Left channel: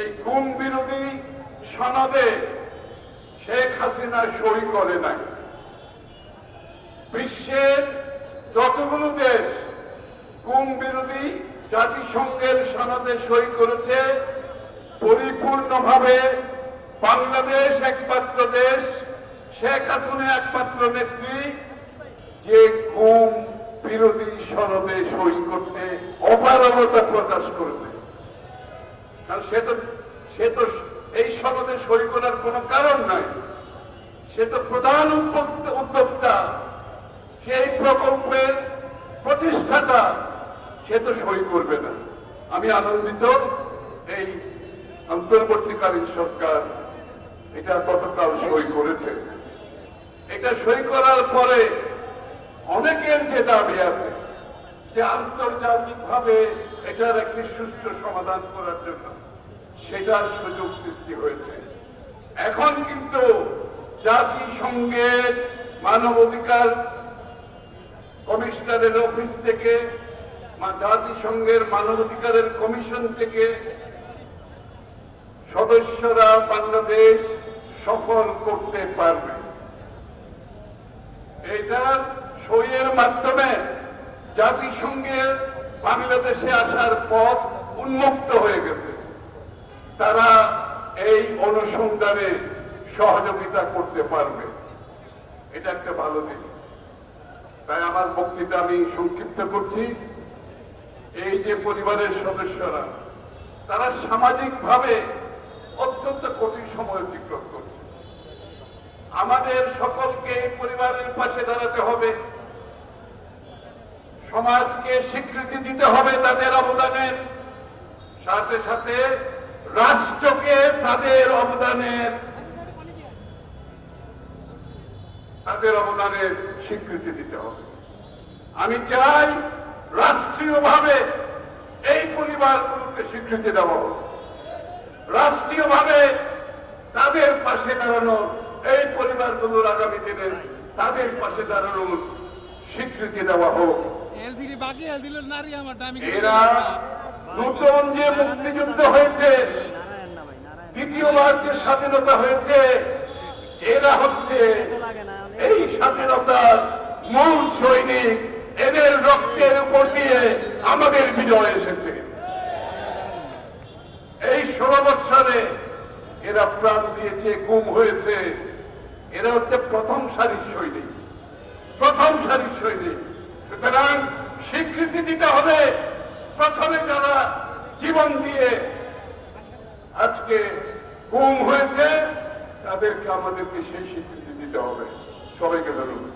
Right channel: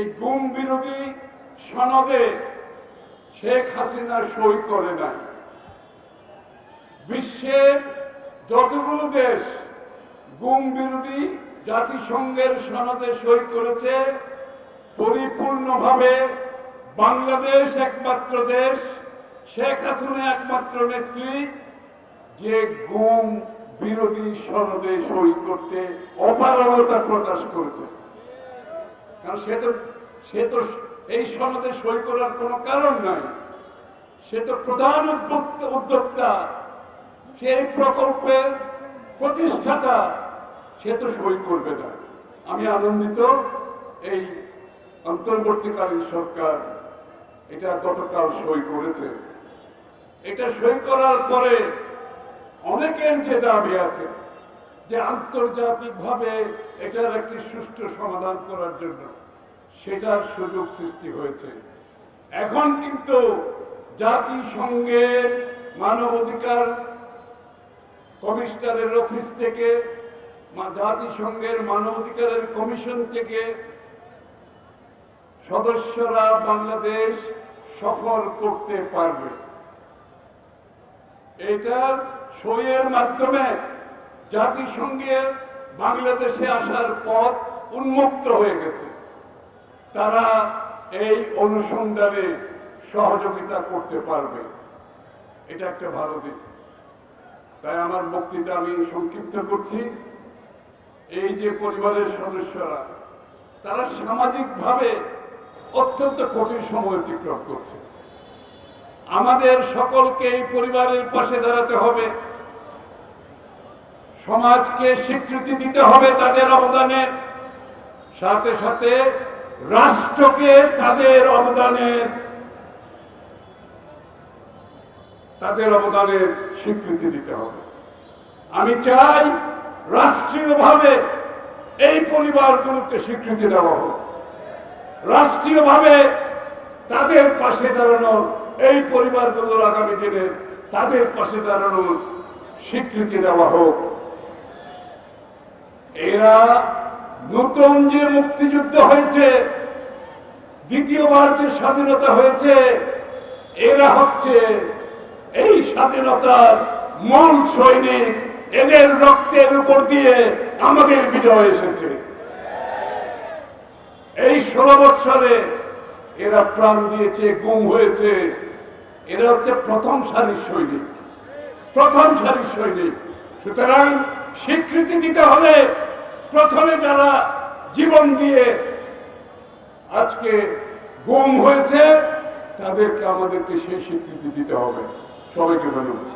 এই গুম বিরোধী সনদে শেখ হাসিনা সই করে নাই। বিশ্বের যতগুলো দেশ গুম বিরোধী জাতিসংঘের সনদে সই করেছে, পরিপূর্ণভাবে বাংলাদেশ একমাত্র দেশ, শেখ হাসিনা একমাত্র নেত্রী যে গুম বিরোধী সনদে সই করতে অপারগতা প্রকাশ করেছে। সে তো এই সনদে সই করার কোন কারণ নাই। সে তো প্রধান উদ্যোক্তা, সেই প্রকল্পের প্রতিষ্ঠাতা, সে তো সই করবে না। আমি আনন্দিত এই অন্তর্বর্তীকালীন সরকার এটা গতকাল সই করেছে। এটা সই করার পরে অনেকের যে দাবি আছে যে আন্তর্জাতিকভাবে এটার একটি সুষ্ঠু সমাধান করার জন্য সেটার সুযোগ সৃষ্টি হয়েছে। এখন কিন্তু জাতিসংঘের মানবাধিকার কমিশনারের অফিস থেকে, জাতিসংঘের মানবাধিকারের কমিশন থেকে সদস্যরা বাংলাদেশ সফল করতে পারবে। এটা সইয়ের মাধ্যমে জাতিসংঘের বাংলাদেশে আসার পথ উন্মুক্ত হয়ে গেছে। তারা এই অনুসন্ধানে সহযোগিতা করতে পারবে। এটা একটা ভালো দিক। তাই আমার বক্তৃতা আমি সংক্ষিপ্ত করছি। এই যে পরিবারের সদস্যরা, তারা সামাজিকভাবে অত্যন্ত কঠিন সময় অতিক্রম করছে। আমাদের সকলকে এই পরিবারের পাশে দাঁড়াতে হবে, সমাজকে স্বীকৃতি দিতে হবে তাদের অবদানের সাথে সাথে রাষ্ট্রকে তাদের অবদানের স্বীকৃতি দিতে হবে। আমি চাই রাষ্ট্রীয়ভাবে এই পরিবারগুলোকে স্বীকৃতি দেওয়া হোক, রাষ্ট্রীয়ভাবে তাদের পাশে দাঁড়ানোর, এই পরিবারগুলোর আগামী দিনে তাদের পাশে দাঁড়ানোর স্বীকৃতি দেওয়া হোক। এরা নতুন যে মুক্তিযুদ্ধ হয়েছে, দ্বিতীয়বার যে স্বাধীনতা হয়েছে, এরা হচ্ছে এই স্বাধীনতার মূল সৈনিক। এদের রক্তের উপর দিয়ে আমাদের বিজয় এসেছে। এই 16 বছরে এরা প্রাণ দিয়েছে, গুম হয়েছে। এরা হচ্ছে প্রথম সারির সৈনিক, প্রথম সারির সৈনিক। সুতরাং স্বীকৃতি দিতে হলে প্রথমে যারা জীবন দিয়ে আজকে গুম হয়েছে তাদেরকে আমাদেরকে সেই স্বীকৃতি দিতে হবে। সবাইকে ধন্যবাদ।